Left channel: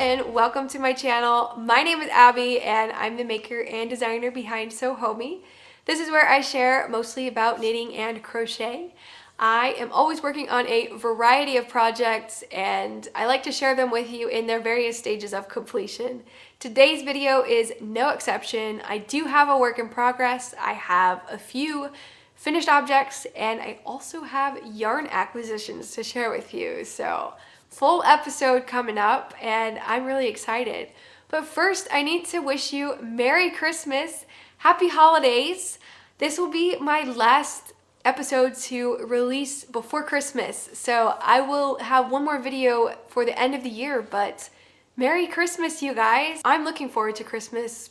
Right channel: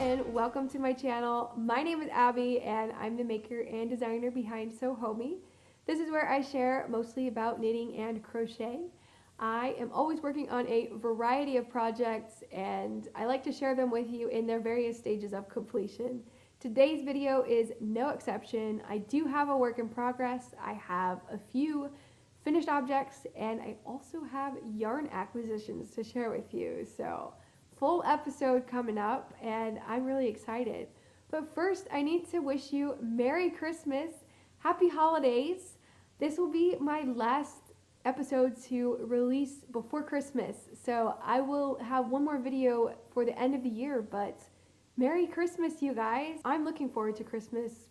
and welcome to my channel. My name is Abby and I'm the maker and designer behind Homey. This is where I share mostly about knitting and crochet. I am always working on a variety of projects and I like to share them with you in their various stages of completion. Today's video is no exception. I do have a work in progress. I have a few finished objects and I also have yarn acquisitions to share with you. So full episode coming up and I'm really excited. But first I need to wish you Merry Christmas, Happy Holidays. This will be my last episode to release before Christmas. So I will have one more video for the end of the year, but Merry Christmas, you guys. I'm looking forward to Christmas.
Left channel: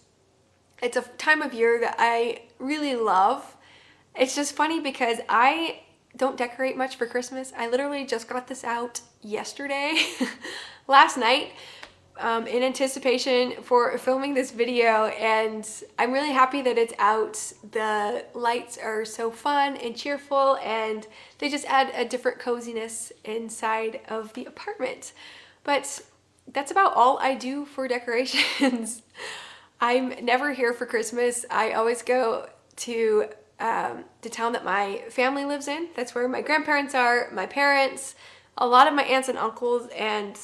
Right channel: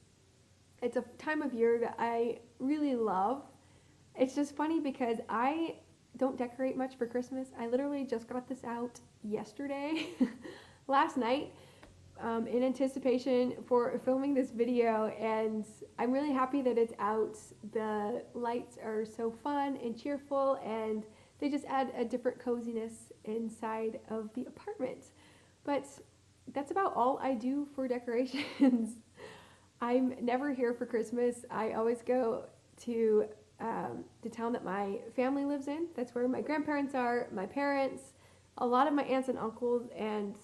It's a time of year that I really love. It's just funny because I don't decorate much for Christmas. I literally just got this out yesterday, last night, in anticipation for filming this video, and I'm really happy that it's out. The lights are so fun and cheerful and they just add a different coziness inside of the apartment. But that's about all I do for decorations. I'm never here for Christmas. I always go to the town that my family lives in. That's where my grandparents are, my parents, a lot of my aunts and uncles, and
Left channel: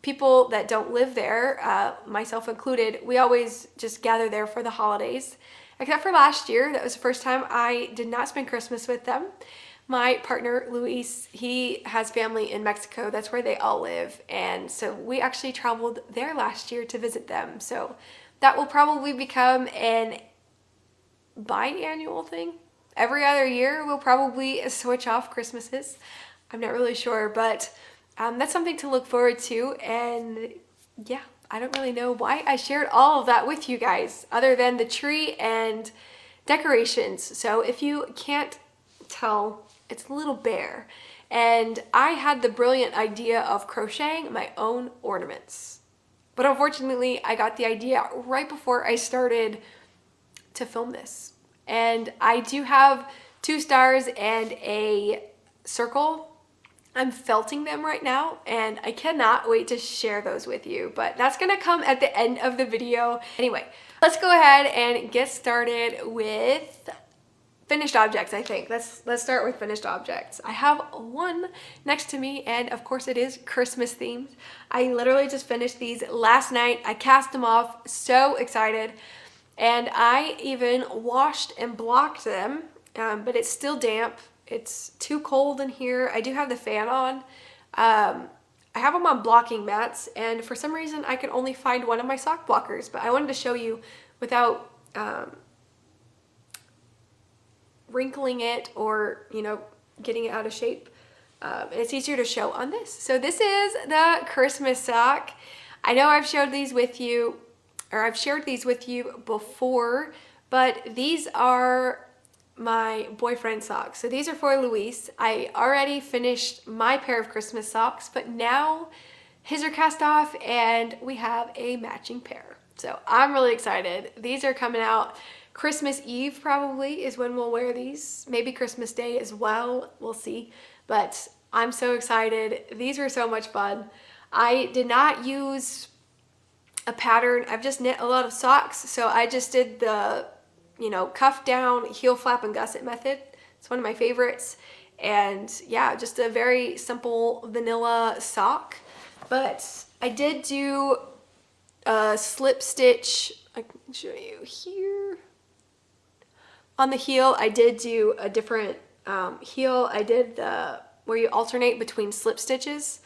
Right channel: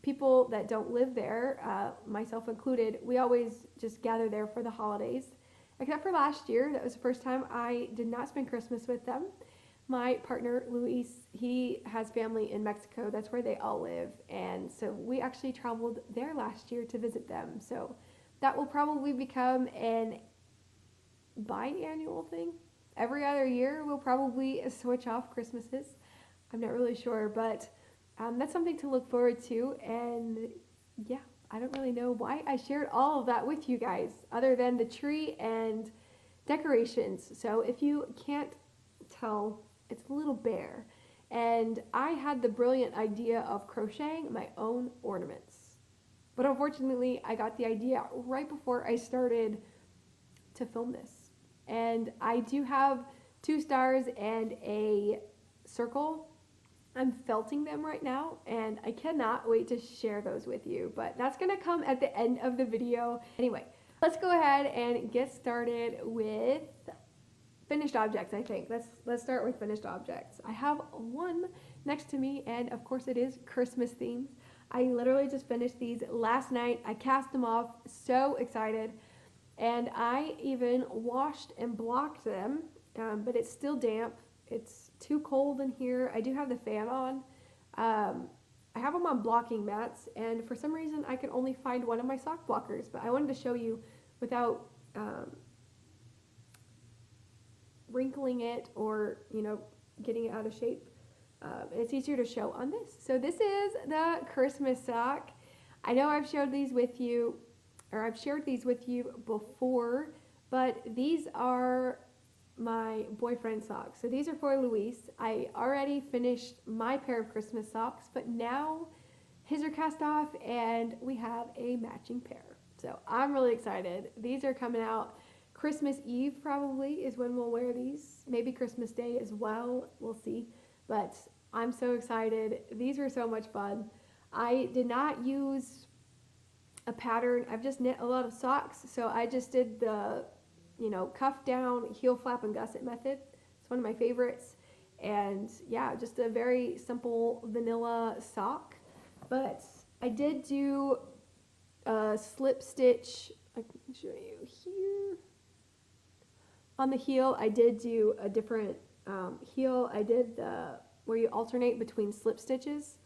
people that don't live there, myself included. We always just gather there for the holidays. Except for last year, that was the first time I did not spend Christmas with them. My partner, Luis, he has family in Mexico. That's where they all live. And so we actually traveled there last year to visit them. So that will probably become an biannual thing. Every other year we'll probably switch off Christmases. I'm not really sure, but that's something to look forward to. And yeah, I don't really know why I shared all of that with you guys other than the tree and decorations. So if you can't tell, it's a little bear. And I had the brilliant idea of crocheting my own ornaments. But unfortunately, I got the idea right before I started to film this. And I do have 2 stars and a circle. I'm felting them right now and I cannot wait to share those with you, but that's gonna come at the end of the video. Anyway, let's go ahead and get started with finished objects. I think let's start with finished objects. I have one next to me and of course it is Christmas themed. I literally just finished these last night. I cast them off, so excited. And I even washed and blocked them, but it's still damp. It's too cold in here. I do have the fan on. I have them on blocking mats, and for some reason I could only find one of my sock blockers, but I wanted to show you without wrinkling it or, you know, getting it out of shape. And it's easier to show on this. So this is the Christmas sock. I know I've showed these with you, or I've shared these with you before, but these are my boyfriend socks. So these are for Luis. I already finished my pair of Christmas socks, but now his are cast off and we have a matching pair. So I'm really excited. These are coming out Christmas Eve probably is when we'll wear these. Maybe Christmas Day as well. We'll see. But I'm so excited. These were so much fun. I did not use a pattern. I've just knit a lot of socks, so I just did the, you know, cuff down, heel flap and gusset method. It's one of my favorites. And yeah, just a very simple vanilla sock. But I did do a slip stitch. I can show you here. On the heel, I did do a different heel. I did the where you alternate between slip stitches.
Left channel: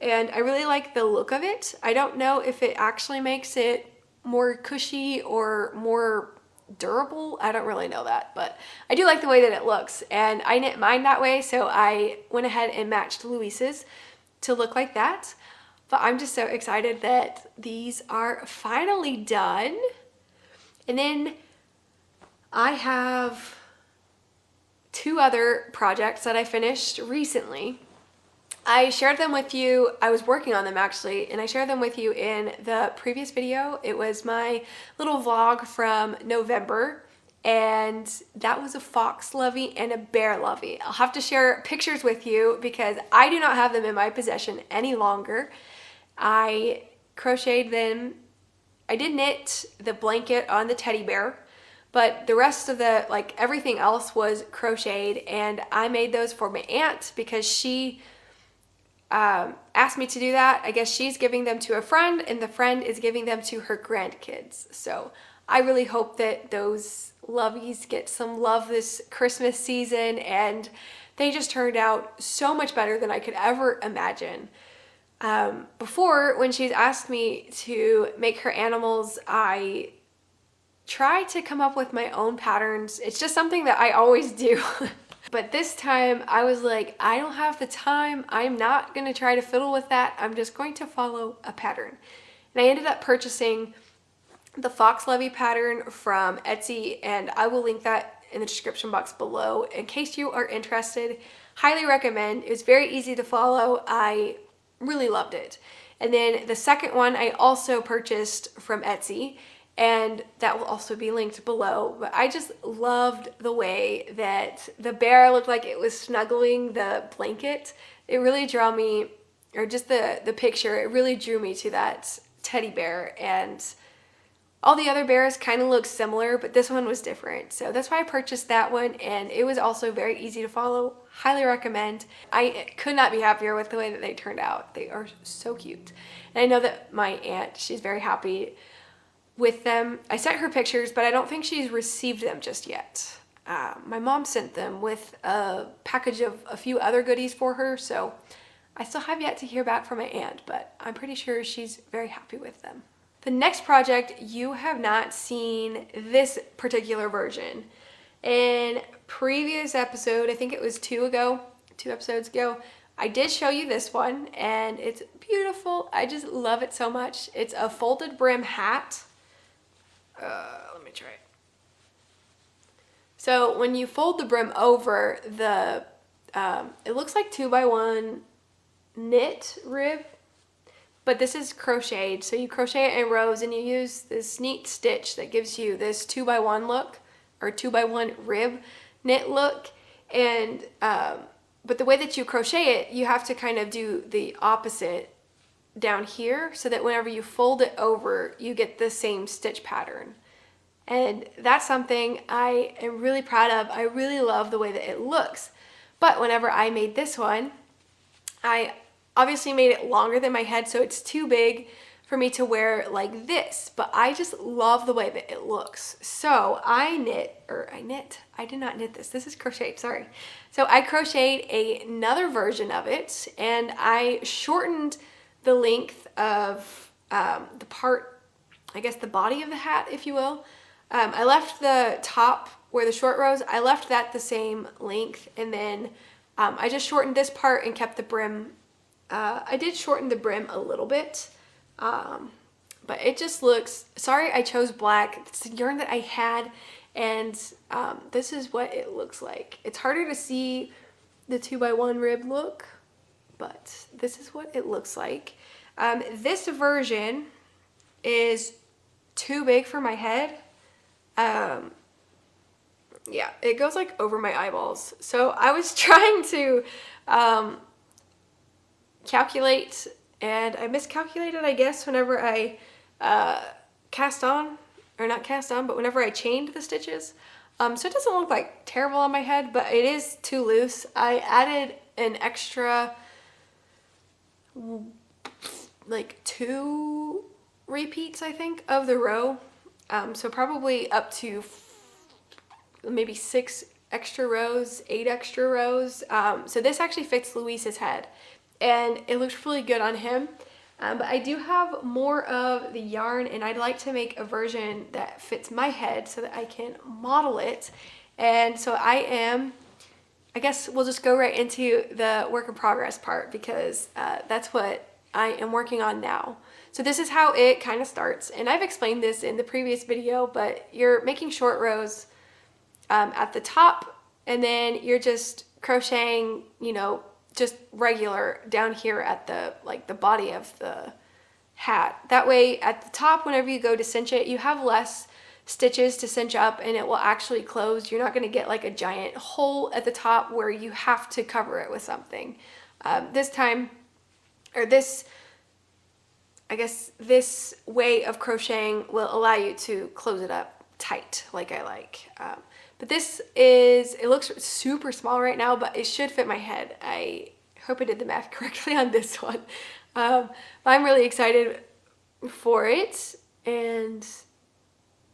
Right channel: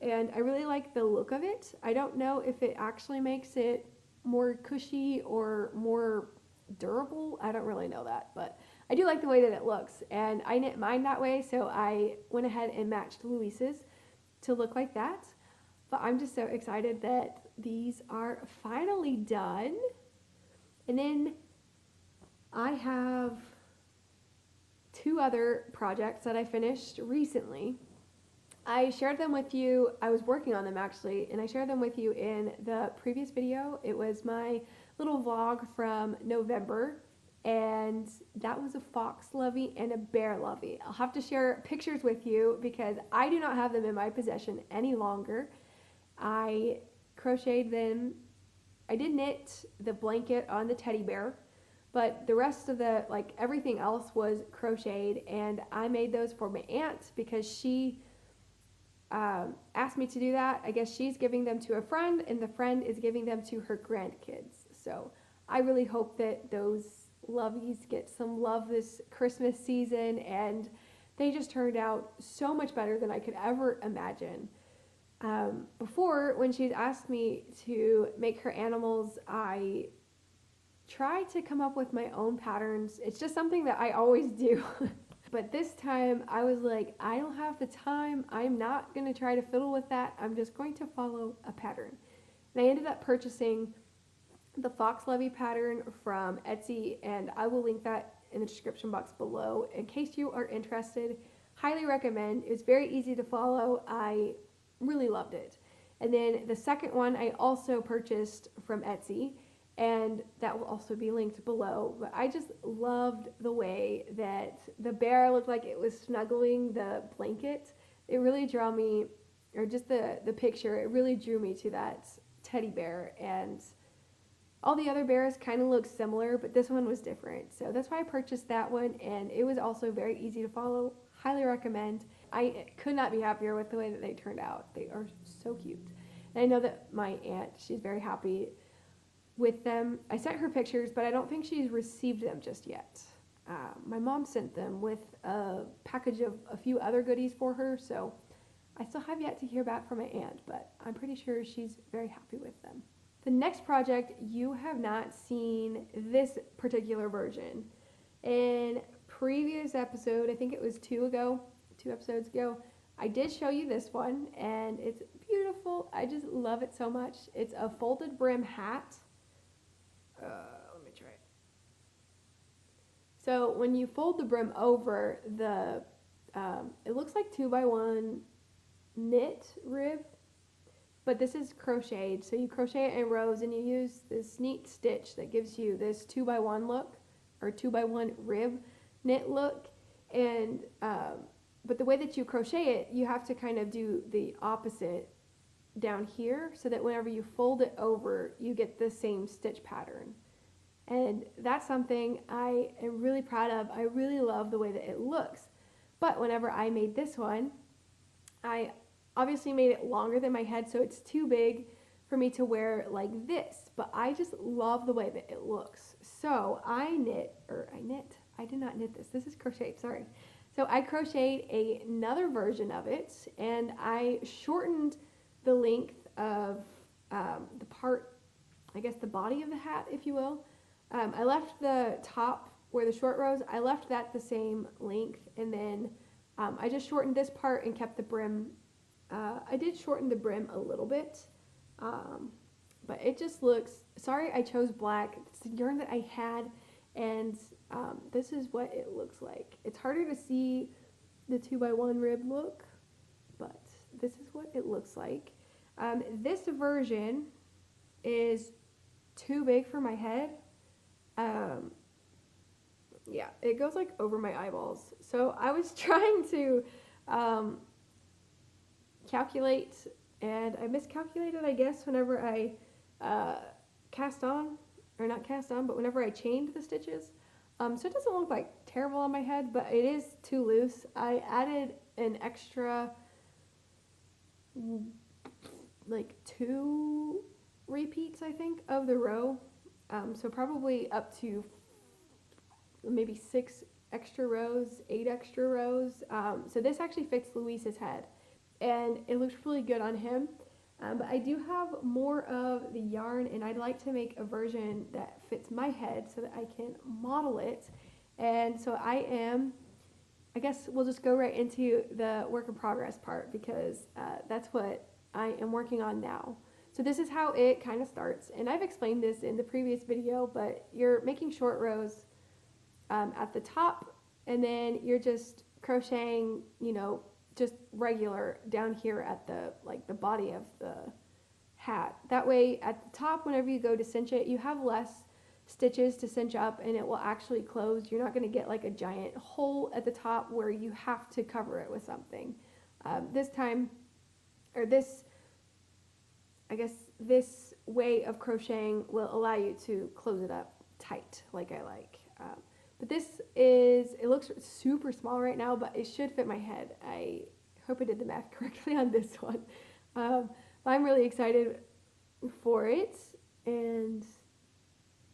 And I really like the look of it. I don't know if it actually makes it more cushy or more durable. I don't really know that, but I do like the way that it looks. And I knit mine that way, so I went ahead and matched Luis's to look like that. But I'm just so excited that these are finally done. And then I have 2 other projects that I finished recently. I shared them with you. I was working on them actually, and I shared them with you in the previous video. It was my little vlog from November, and that was a fox lovey and a bear lovey. I'll have to share pictures with you because I do not have them in my possession any longer. I crocheted them. I did knit the blanket on the teddy bear, but the rest of the, like everything else was crocheted, and I made those for my aunt because she asked me to do that. I guess she's giving them to a friend, and the friend is giving them to her grandkids. So I really hope that those lovies get some love this Christmas season, and they just turned out so much better than I could ever imagine. Before, when she's asked me to make her animals, I try to come up with my own patterns. It's just something that I always do. But this time I was like, I don't have the time. I'm not going to try to fiddle with that. I'm just going to follow a pattern. And I ended up purchasing the Fox Levy pattern from Etsy, and I will link that in the description box below in case you are interested. Highly recommend. It was very easy to follow. I really loved it. And then the second one I also purchased from Etsy, and that will also be linked below. But I just loved the way that the bear looked like it was snuggling the blanket. It really drew me, or just the picture, it really drew me to that teddy bear. And all the other bears kind of look similar, but this one was different. So that's why I purchased that one, and it was also very easy to follow. Highly recommend. I could not be happier with the way that they turned out. They are so cute. And I know that my aunt, she's very happy with them. I sent her pictures, but I don't think she's received them just yet. My mom sent them with a package of a few other goodies for her, so I still have yet to hear back from my aunt, but I'm pretty sure she's very happy with them. The next project, you have not seen this particular version. In previous episode, I think it was 2 episodes ago, I did show you this one, and it's beautiful. I just love it so much. It's a folded brim hat. Let me try it. So when you fold the brim over, it looks like 2x1 knit rib, but this is crocheted. So you crochet it in rows, and you use this neat stitch that gives you this 2x1 look, or 2x1 rib knit look. And but the way that you crochet it, you have to kind of do the opposite down here, so that whenever you fold it over, you get the same stitch pattern. And that's something I am really proud of. I really love the way that it looks. But whenever I made this one, I obviously made it longer than my head, so it's too big for me to wear like this. But I just love the way that it looks. So I did not knit this. This is crocheted, sorry. So I crocheted another version of it, and I shortened the length of the part, I guess the body of the hat, if you will. I left the top where the short rows, I left that the same length, and then I just shortened this part and kept the brim. I did shorten the brim a little bit, but it just looks, sorry I chose black. It's the yarn that I had, and this is what it looks like. It's harder to see the 2x1 rib look, but this is what it looks like. This version is too big for my head. Yeah, it goes like over my eyeballs. So I was trying to calculate, and I miscalculated, I guess, whenever I whenever I chained the stitches. So it doesn't look like terrible on my head, but it is too loose. I added an extra like 2 repeats, I think, of the row. So probably up to maybe 6 extra rows, 8 extra rows. So this actually fits Luis's head, and it looks really good on him. But I do have more of the yarn, and I'd like to make a version that fits my head so that I can model it. And so I guess we'll just go right into the work in progress part, because that's what I am working on now. So this is how it kind of starts, and I've explained this in the previous video, but you're making short rows at the top, and then you're just crocheting, you know, just regular down here at the body of the hat. That way at the top, whenever you go to cinch it, you have less stitches to cinch up, and it will actually close. You're not going to get like a giant hole at the top where you have to cover it with something. I guess this way of crocheting will allow you to close it up tight like I like. But this is, it looks super small right now, but it should fit my head. I hope I did the math correctly on this one. But I'm really excited for it, and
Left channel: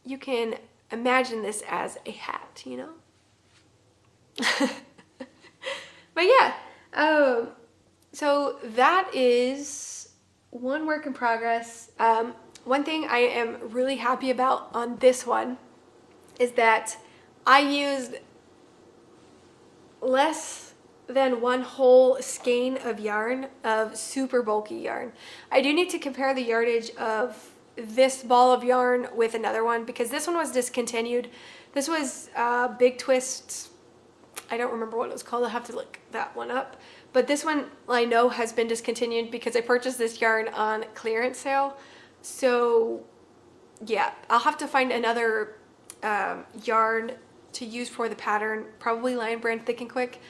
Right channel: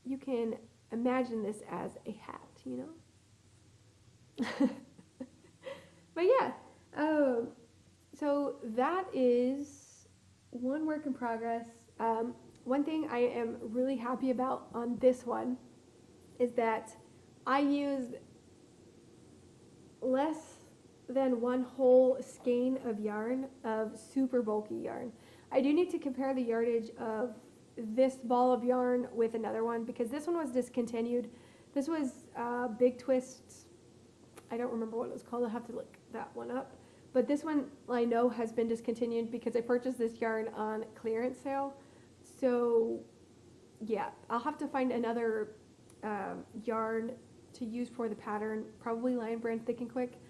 you can imagine this as a hat, you know? But yeah, so that is one work in progress. One thing I am really happy about on this one is that I used less than one whole skein of yarn, of super bulky yarn. I do need to compare the yardage of this ball of yarn with another one because this one was discontinued. This was Big Twist. I don't remember what it was called. I'll have to look that one up. But this one I know has been discontinued because I purchased this yarn on clearance sale. So yeah, I'll have to find another yarn to use for the pattern, probably Lion Brand Thick and Quick.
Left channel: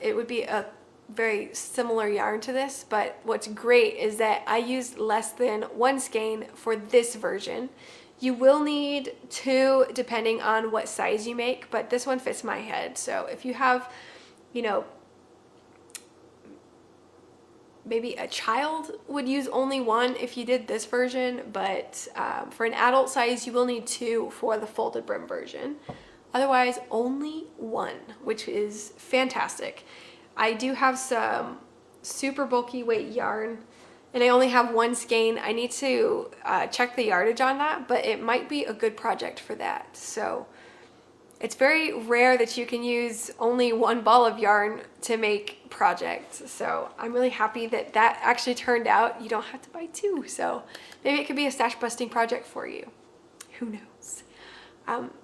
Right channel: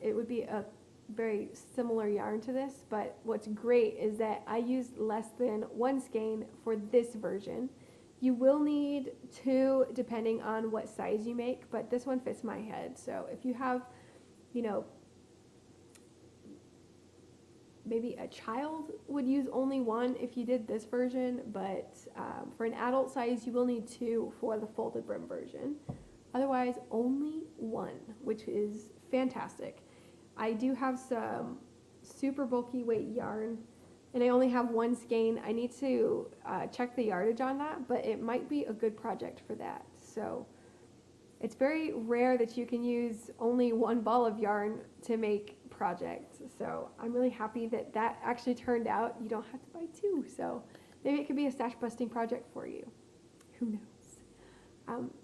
It would be a very similar yarn to this, but what's great is that I used less than one skein for this version. You will need 2 depending on what size you make, but this one fits my head. So if you have, you know, maybe a child would use only 1 if you did this version, but for an adult size, you will need 2 for the folded brim version. Otherwise, only 1, which is fantastic. I do have some super bulky weight yarn, and I only have 1 skein. I need to check the yardage on that, but it might be a good project for that. So it's very rare that you can use only 1 ball of yarn to make projects. So I'm really happy that that actually turned out. You don't have to buy 2. So maybe it could be a stash busting project for you. Who knows?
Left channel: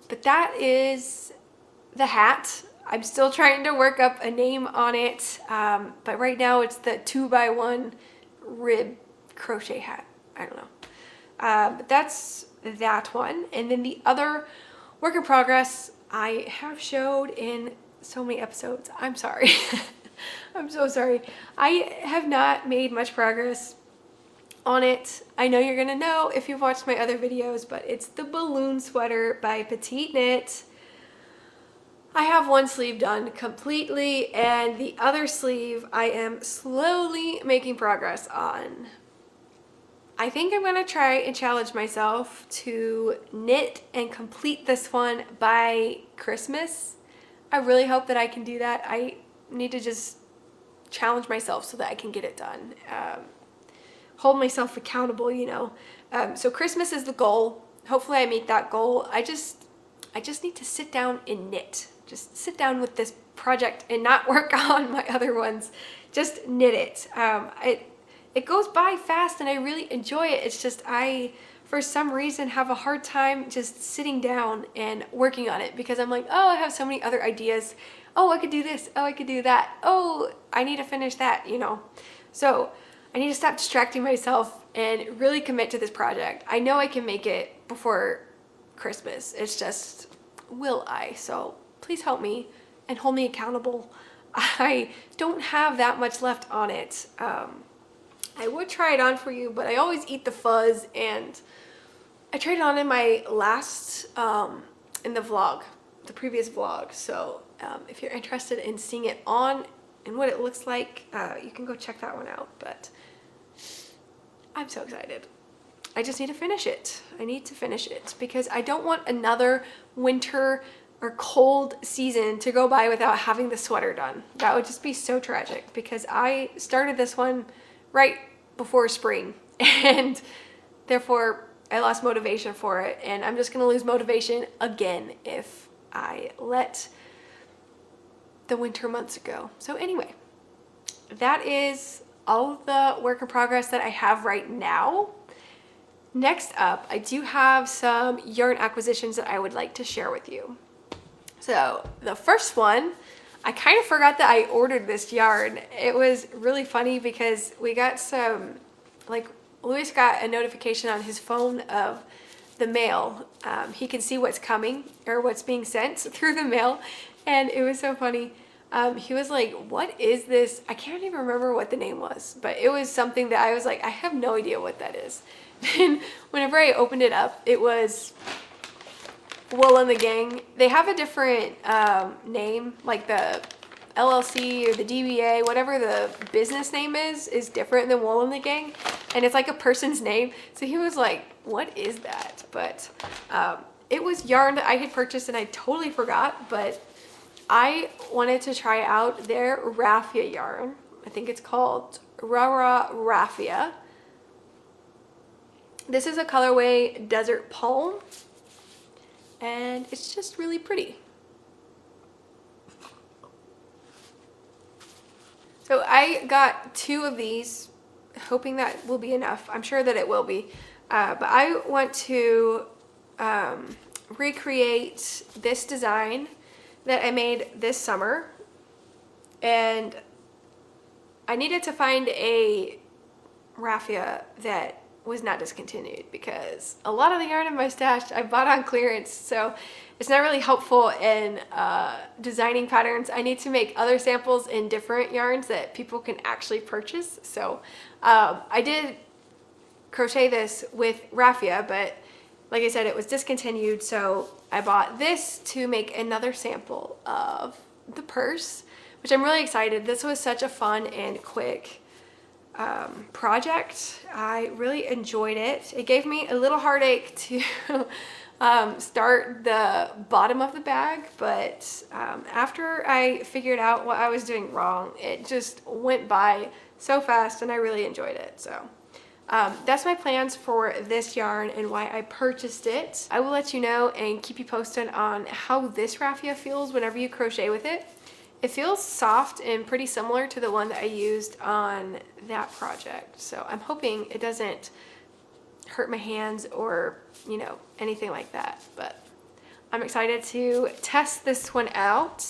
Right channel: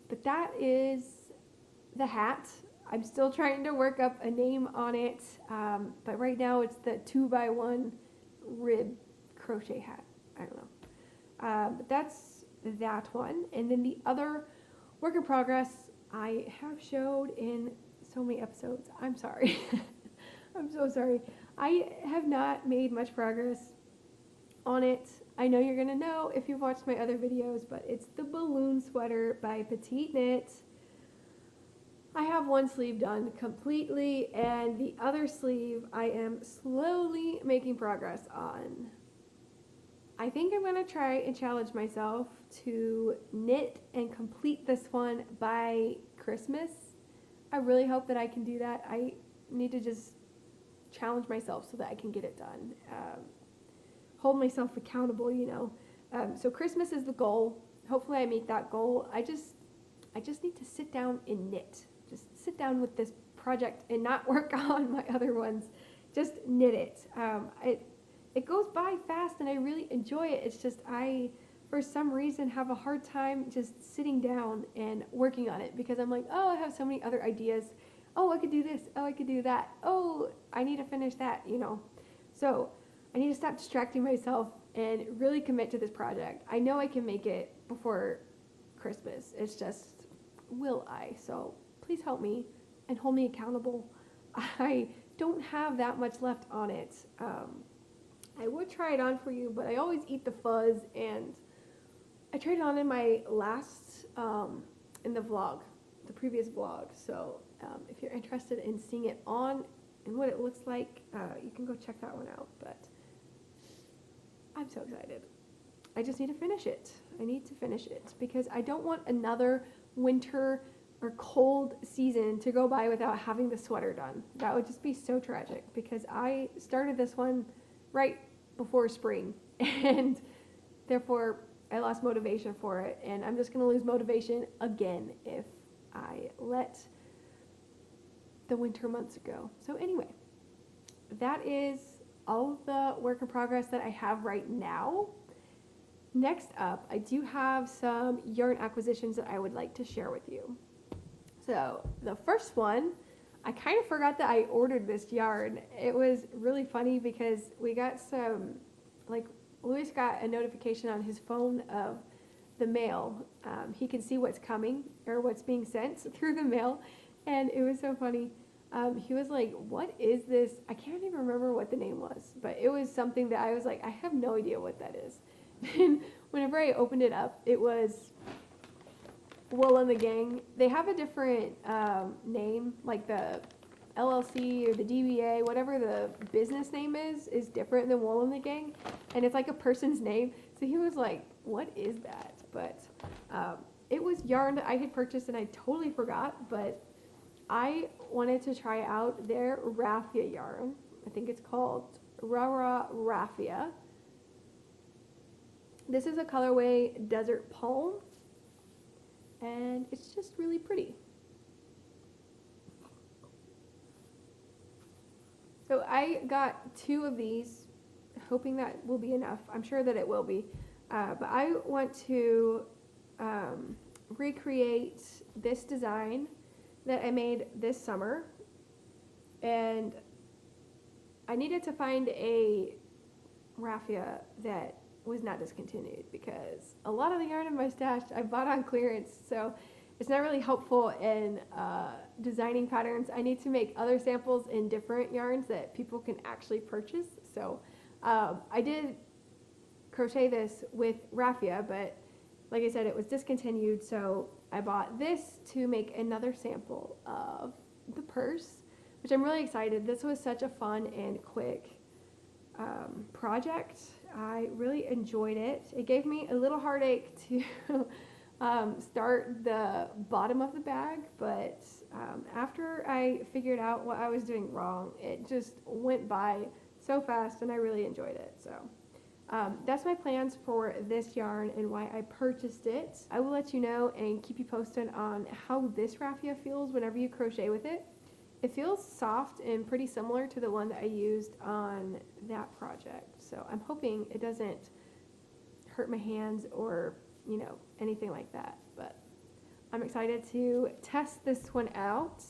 But that is the hat. I'm still trying to work up a name on it. But right now it's the 2x1 rib crochet hat. I don't know. But that's that one. And then the other work in progress I have showed in so many episodes. I'm sorry. I'm so sorry. I have not made much progress on it. I know you're gonna know if you've watched my other videos, but it's the balloon sweater by Petite Knit. I have one sleeve done completely, and the other sleeve I am slowly making progress on. I think I'm gonna try and challenge myself to knit and complete this one by Christmas. I really hope that I can do that. I need to just challenge myself so that I can get it done. Hold myself accountable, you know. So Christmas is the goal. Hopefully I meet that goal. I just need to sit down and knit. Just sit down with this project and not work on my other ones. Just knit it. It goes by fast and I really enjoy it. It's just I, for some reason, have a hard time just sitting down and working on it because I'm like, oh, I have so many other ideas. Oh, I could do this. Oh, I could do that. Oh, I need to finish that, you know. So I need to stop distracting myself and really commit to this project. I know I can make it before Christmas. It's just, will I? So please help me and hold me accountable. I don't have that much left on it. I would try it on for you, but I always eat the fuzz, and I tried it on in my last, in the vlog, the previous vlog. So if you're interested in seeing it on and what it looks like, you can go check that one out. But I'm so excited. I just need to finish it. I need to finish it because I don't want another winter or cold season to go by without having the sweater done. That would just be so tragic because I started this one right before spring and therefore I lost motivation for it, and I'm just gonna lose motivation again if I let the winter months go. So anyway, that is all of the work in progress that I have right now. Next up, I do have some yarn acquisitions that I would like to share with you. So the first one, I kind of forgot that I ordered this yarn. It was really funny because we got some, like, Louis got a notification on his phone of the mail. He can see what's coming or what's being sent through the mail, and it was so funny. He was like, what is this? I can't even remember what the name was, but it was something that I was like, I have no idea what that is. And whenever I opened it up, it was Wool and the Gang. They have a different name, like the LLC or the DBA, whatever the business name is different than Wool and the Gang. And it's like a person's name. So he was like, what is that? But it was yarn that I had purchased and I totally forgot, but I wanted to try out their raffia yarn. I think it's called Rara Raffia. This is a colorway Desert Palm, and it's just really pretty. So I got 2 of these, hoping that will be enough. I'm sure that it will be, but I want to recreate this design that I made this summer, and I needed to find a raffia that was not discontinued, because a lot of the yarn in my stash I bought on clearance, so it's not really helpful in designing patterns. I need to make other samples in different yarns that people can actually purchase. So I did crochet this with raffia, but like I said, it was discontinued, so I bought this to make another sample of the purse, which I'm really excited. This was such a fun and quick project. I really enjoyed it. It gave me a little heartache to start the bottom of the bag, but after I figured out what I was doing wrong, it just went by so fast and I really enjoyed it. So that's my plans for this yarn and why I purchased it. I will let you know and keep you posted on how this raffia feels whenever you crochet with it. It feels soft and pretty similar to the one that I used on that project. So I'm hoping it doesn't hurt my hands or, you know, anything like that. But I'm excited to test this one out.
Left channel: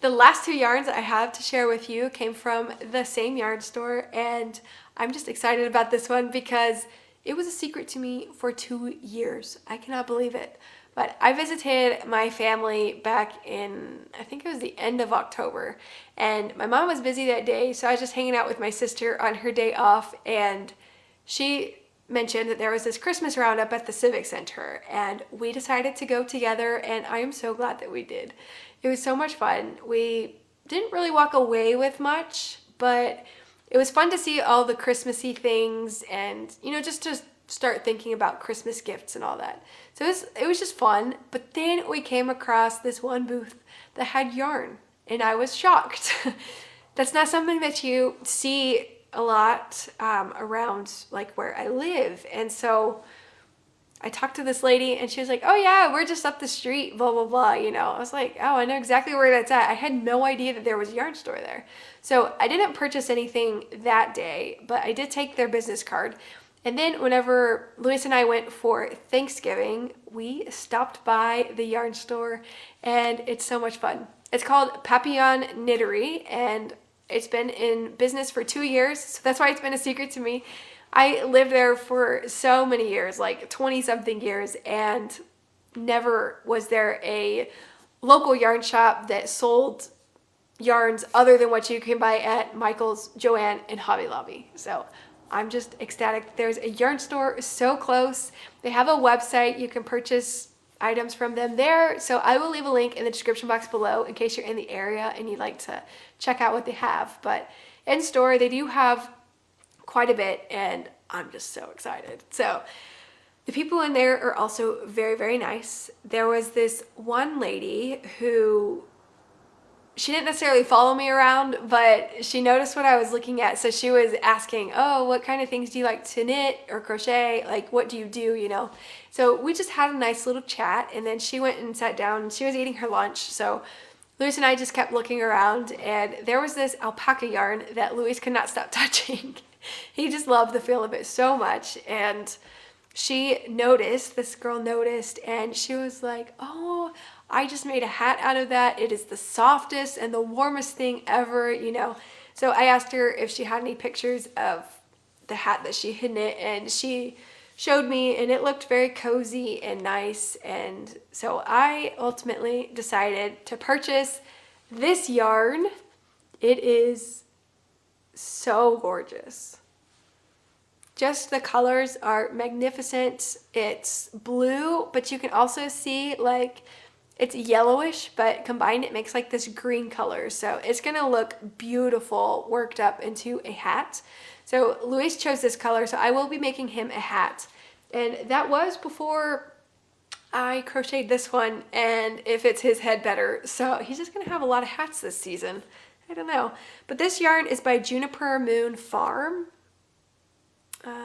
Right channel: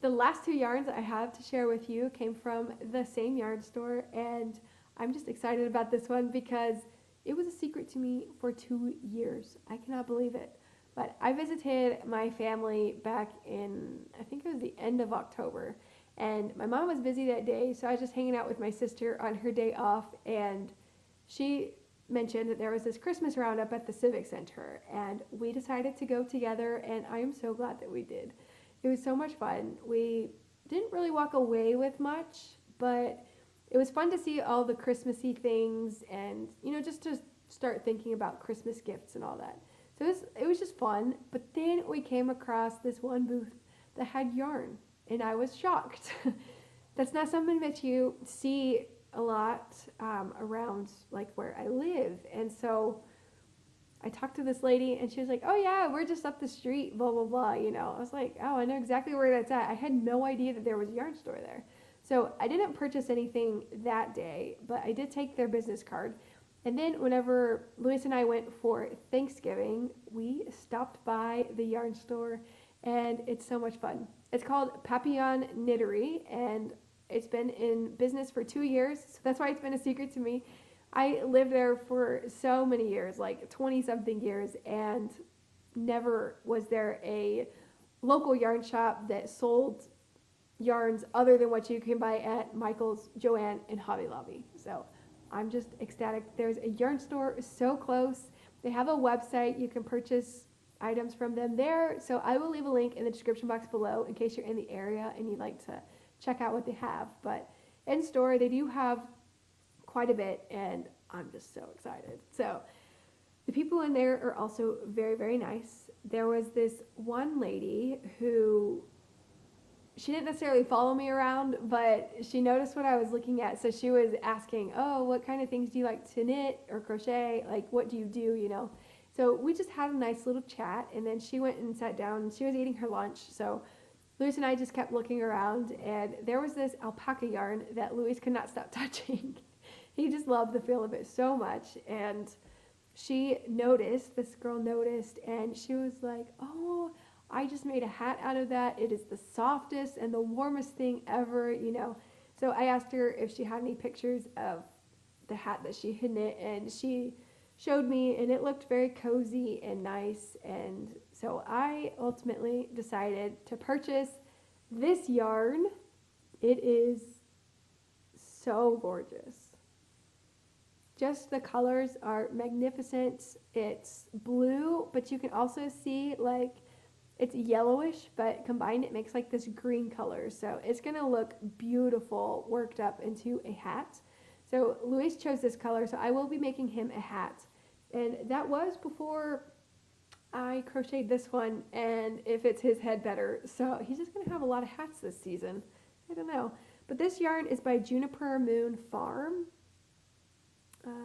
The last 2 yarns I have to share with you came from the same yarn store, and I'm just excited about this one because it was a secret to me for 2 years. I cannot believe it. But I visited my family back in, I think it was the end of October, and my mom was busy that day, so I was just hanging out with my sister on her day off, and she mentioned that there was this Christmas roundup at the Civic Center, and we decided to go together, and I am so glad that we did. It was so much fun. We didn't really walk away with much, but it was fun to see all the Christmassy things and, you know, just to start thinking about Christmas gifts and all that. So it was just fun, but then we came across this one booth that had yarn, and I was shocked. That's not something that you see a lot around like where I live, and so I talked to this lady, and she was like, oh yeah, we're just up the street, blah, blah, blah, you know. I was like, oh, I know exactly where that's at. I had no idea that there was a yarn store there. So I didn't purchase anything that day, but I did take their business card. And then whenever Luis and I went for Thanksgiving, we stopped by the yarn store, and it's so much fun. It's called Papillon Knittery, and it's been in business for 2 years, so that's why it's been a secret to me. I lived there for so many years, like 20-something years, and never was there a local yarn shop that sold yarns other than what you can buy at Michael's, Joann, and Hobby Lobby. So I'm just ecstatic. There's a yarn store so close. They have a website. You can purchase items from them there. So I will leave a link in the description box below in case you're in the area and you'd like to check out what they have. But in store, they do have quite a bit, and I'm just so excited. So the people in there are also very, very nice. There was this one lady who, she didn't necessarily follow me around, but she noticed what I was looking at. So she was asking, oh, what kind of things do you like to knit or crochet? Like, what do you do, you know? So we just had a nice little chat, and then she went and sat down, and she was eating her lunch. So Luis and I just kept looking around, and there was this alpaca yarn that Luis could not stop touching. He just loved the feel of it so much, and she noticed, this girl noticed, and she was like, oh, I just made a hat out of that. It is the softest and the warmest thing ever, you know. So I asked her if she had any pictures of the hat that she had knit, and she showed me, and it looked very cozy and nice. And so I ultimately decided to purchase This yarn, it is so gorgeous. Just the colors are magnificent. It's blue, but you can also see like it's yellowish, but combined it makes like this green color. So it's gonna look beautiful worked up into a hat. So Luis chose this color, so I will be making him a hat. And that was before I crocheted this one, and it fits his head better. So he's just gonna have a lot of hats this season. I don't know. But this yarn is by Juniper Moon Farm.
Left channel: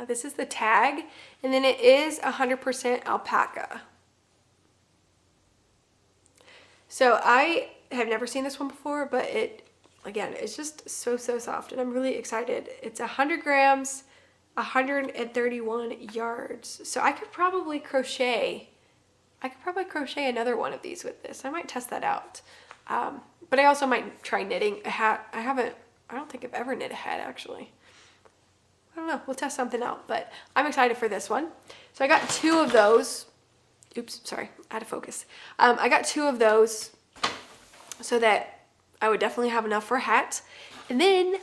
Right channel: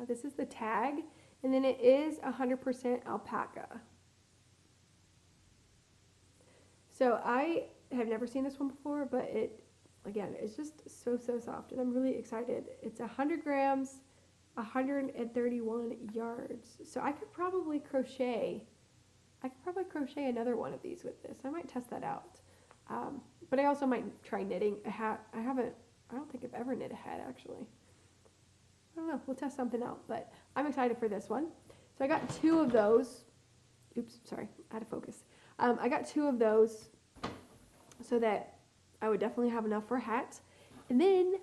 This is the tag, and then it is 100% alpaca. So I have never seen this one before, but it, again, it's just so soft, and I'm really excited. It's 100 grams, 131 yards. So I could probably crochet another one of these with this. I might test that out. But I also might try knitting a hat. I don't think I've ever knit a hat actually. I don't know, we'll test something out, but I'm excited for this one. So I got 2 of those. Oops, sorry, out of focus. I got 2 of those so that I would definitely have enough for a hat. And then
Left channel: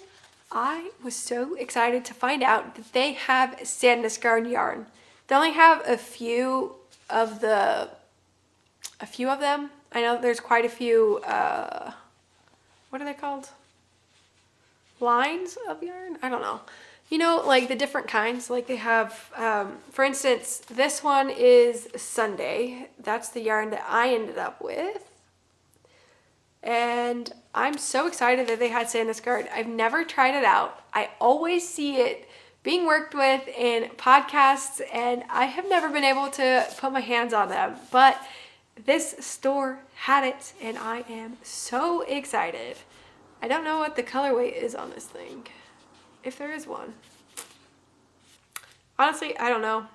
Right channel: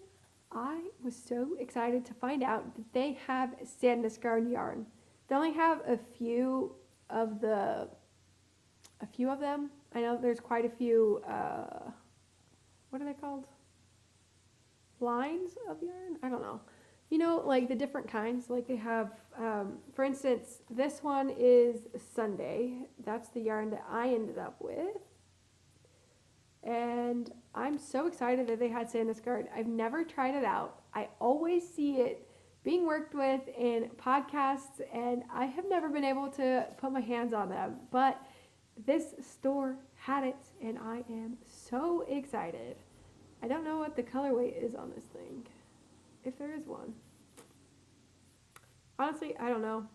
I was so excited to find out that they have Sandnes Garn yarn. They only have a few of them. I know there's quite a few, what are they called? Lines of yarn? I don't know. You know, like the different kinds, like they have, for instance, this one is Sunday. That's the yarn that I ended up with. And I'm so excited that they had Sandnes Garn. I've never tried it out. I always see it being worked with in podcasts, and I have never been able to put my hands on them. But this store had it, and I am so excited. I don't know what the colorway is on this thing. If there is one. Honestly, I don't know.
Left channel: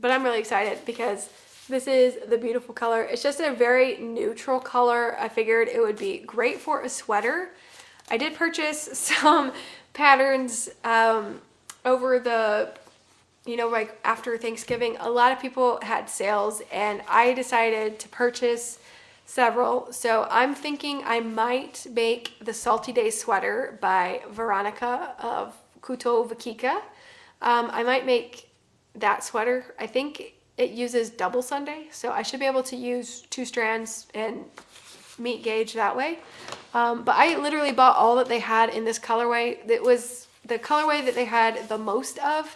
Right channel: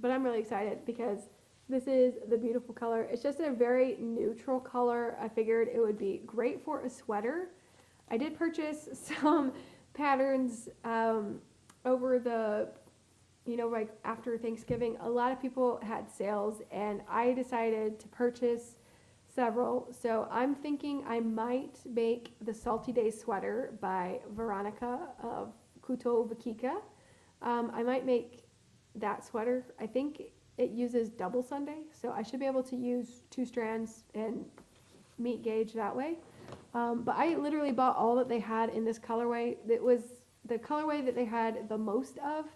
But I'm really excited because this is the beautiful color. It's just a very neutral color. I figured it would be great for a sweater. I did purchase some patterns over the, you know, like after Thanksgiving. A lot of people had sales, and I decided to purchase several. So I'm thinking I might make the Salty Day sweater by Veronika of Kuto Vakika. I might make that sweater. I think it uses double Sunday, so I should be able to use 2 strands and meet gauge that way. But I literally bought all that they had in this colorway. It was the colorway that they had the most of.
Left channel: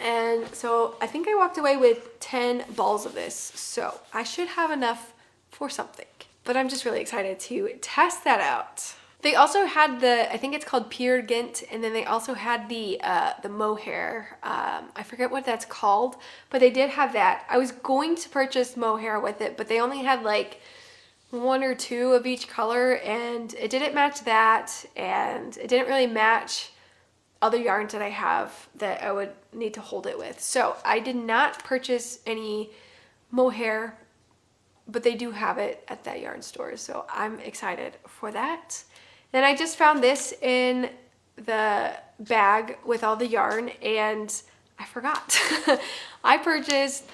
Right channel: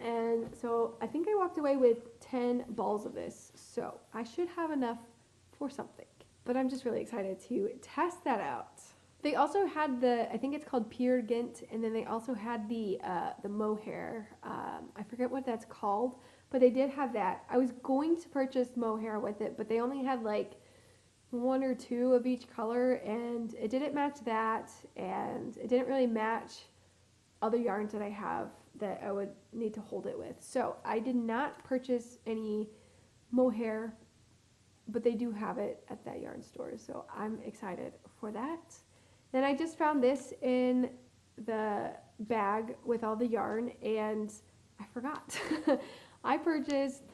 And so I think I walked away with 10 balls of this. So I should have enough for something, but I'm just really excited to test that out. They also had the, I think it's called Peer Gynt, and then they also had the mohair. I forget what that's called, but they did have that. I was going to purchase mohair with it, but they only had like 1 or 2 of each color, and it didn't match that, and it didn't really match other yarns that I have that I would need to hold it with. So I did not purchase any mohair, but they do have it at that yarn store, so I'm excited for that. Then I just found this in the bag with all the yarn, and I forgot. I purchased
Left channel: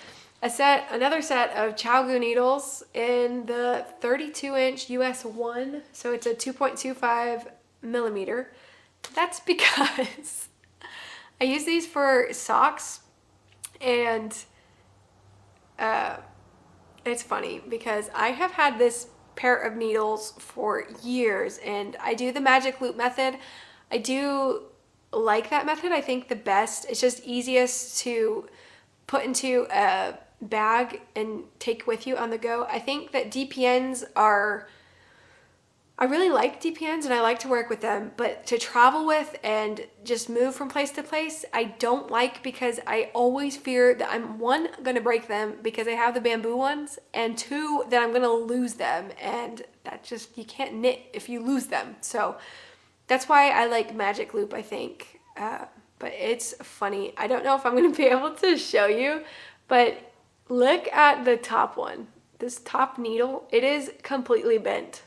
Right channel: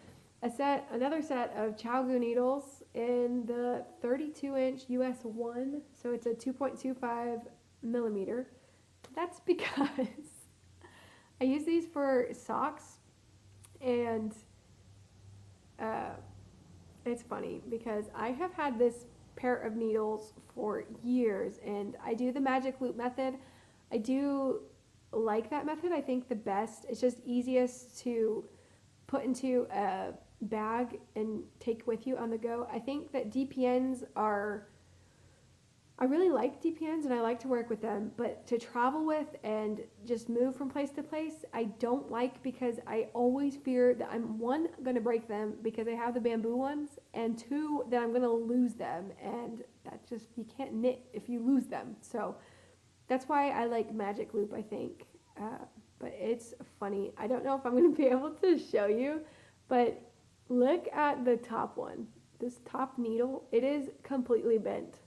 another set of Chalgu needles in the 32-inch US 1, so it's a 2.25 millimeter. That's because I use these for socks, and it's funny because I have had this pair of needles for years, and I do the magic loop method. I do like that method. I think the best, it's just easiest to put into a bag and take with you on the go. I think that DPNs are, I really like DPNs and I like to work with them, but to travel with and just move from place to place, I don't like, because I always fear that I'm, 1, gonna break them because I have the bamboo ones, and 2, that I'm gonna lose them, and that just, you can't knit if you lose them. So that's why I like magic loop, I think. But it's funny. I don't know if I'm gonna be able to show you, but look at the top one. This top needle, it is completely bent.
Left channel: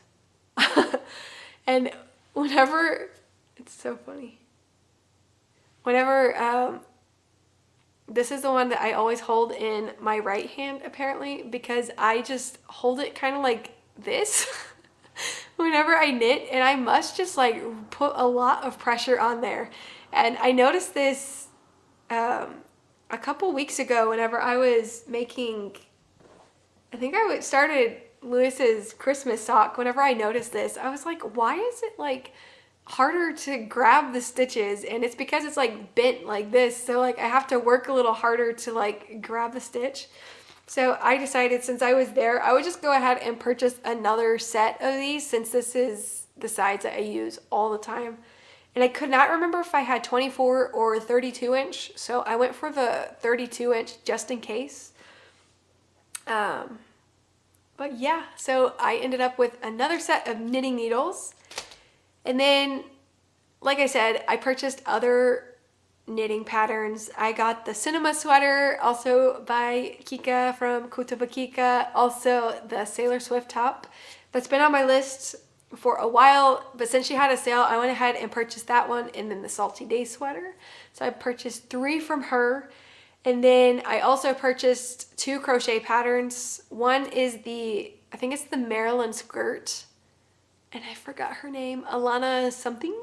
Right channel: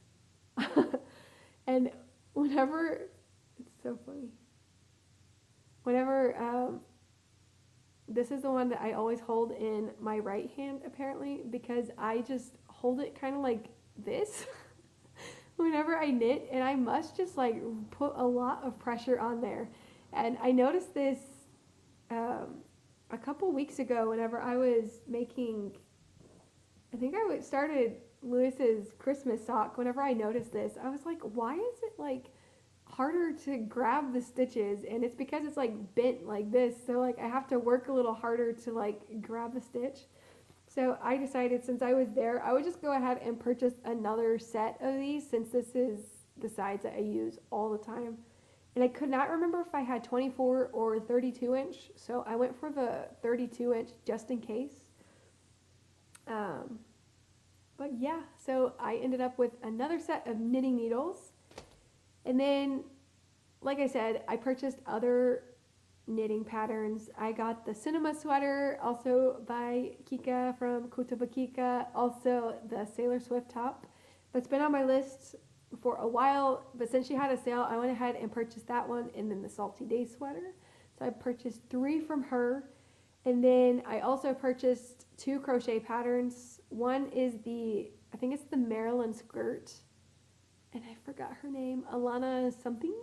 And whenever, it's so funny. Whenever, this is the one that I always hold in my right hand, apparently, because I just hold it kind of like this. whenever I knit, and I must just like put a lot of pressure on there. And I noticed this a couple weeks ago whenever I was making, I think I started Lewis's Christmas sock. Whenever I noticed this, I was like, why is it like harder to grab the stitches? And it's because it's like bent like this, so like I have to work a little harder to like grab the stitch. So I decided, since I was there, I would just go ahead and purchase another set of these, since this is the size that I use all the time. And I could not remember if I had 24 or 32 inch, so I went for the 32 inch just in case. But yeah, so I ended up with another set of knitting needles. And then, like I said, I purchased other knitting patterns. I got the cinema sweater, also by Kika from Kutaba Kika, also the Sailor Swift top. That's been on my list for a while, but since she had a sale, I went ahead and purchased that one, and then the Salty Days sweater. So I purchased 3 from her. And then I also purchased 2 crochet patterns. One is I think it's the Maryland skirt, and I forgot her name, Alana something.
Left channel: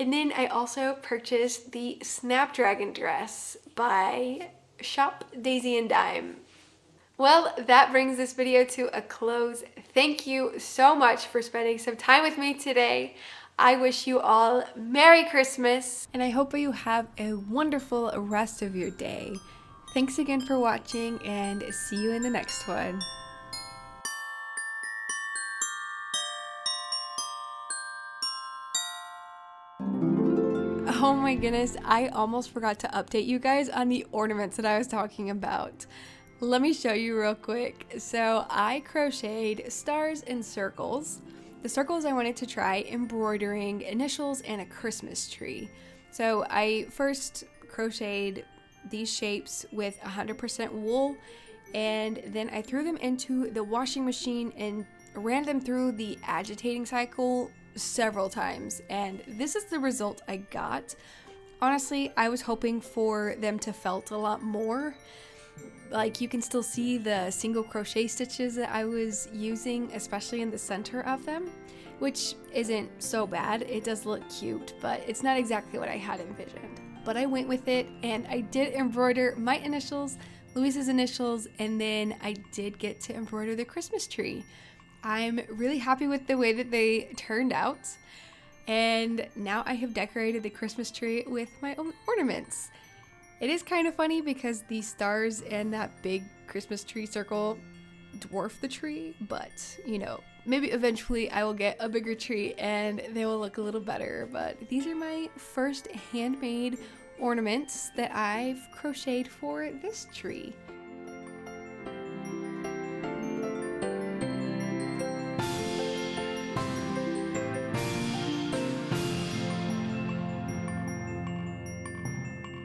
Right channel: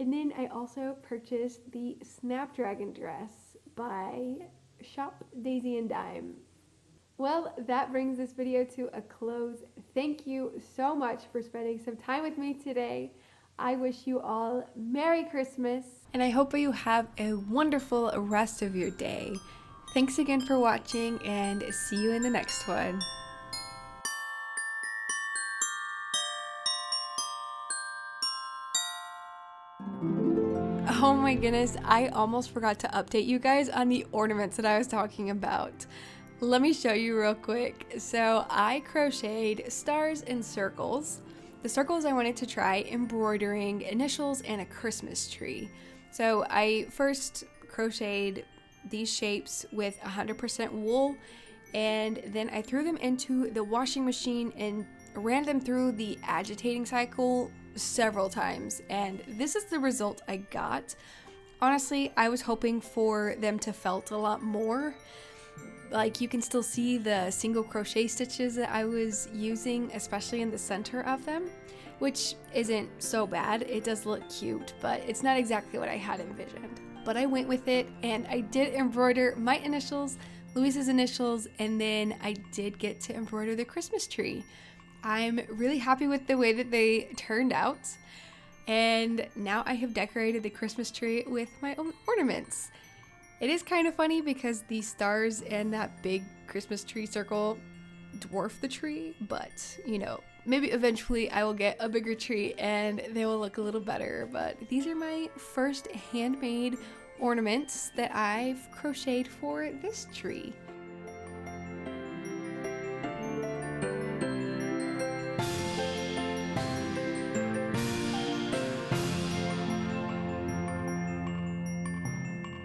And then I also purchased the Snapdragon dress by Shop Daisy and Dime. Well, that brings this video to a close. Thank you so much for spending some time with me today. I wish you all Merry Christmas, and I hope you have a wonderful rest of your day. Thanks again for watching, and see you in the next one. Oh my goodness, I almost forgot to update you guys on the ornaments that I was talking about. Let me show you real quick. So I crocheted stars and circles. The circles I wanted to try embroidering initials and a Christmas tree. So I first crocheted these shapes with 100% wool, and then I threw them into the washing machine and ran them through the agitating cycle several times, and this is the result I got. Honestly, I was hoping for them to felt a lot more. Like, you can still see the single crochet stitches that I was using, especially in the center of them, which isn't so bad. It does look cute, but it's not exactly what I had envisioned. But I went with it, and I did embroider my initials, Luis's initials, and then I did get to embroider the Christmas tree. I'm really happy with the way that they turned out, and now I have decorated the Christmas tree with my own ornaments. It is kind of funny because the stars and that big Christmas tree circle dwarf the tree, but you know, maybe eventually I will get a bigger tree and they will look a little better. But these are my first handmade ornaments that I've crocheted for this tree.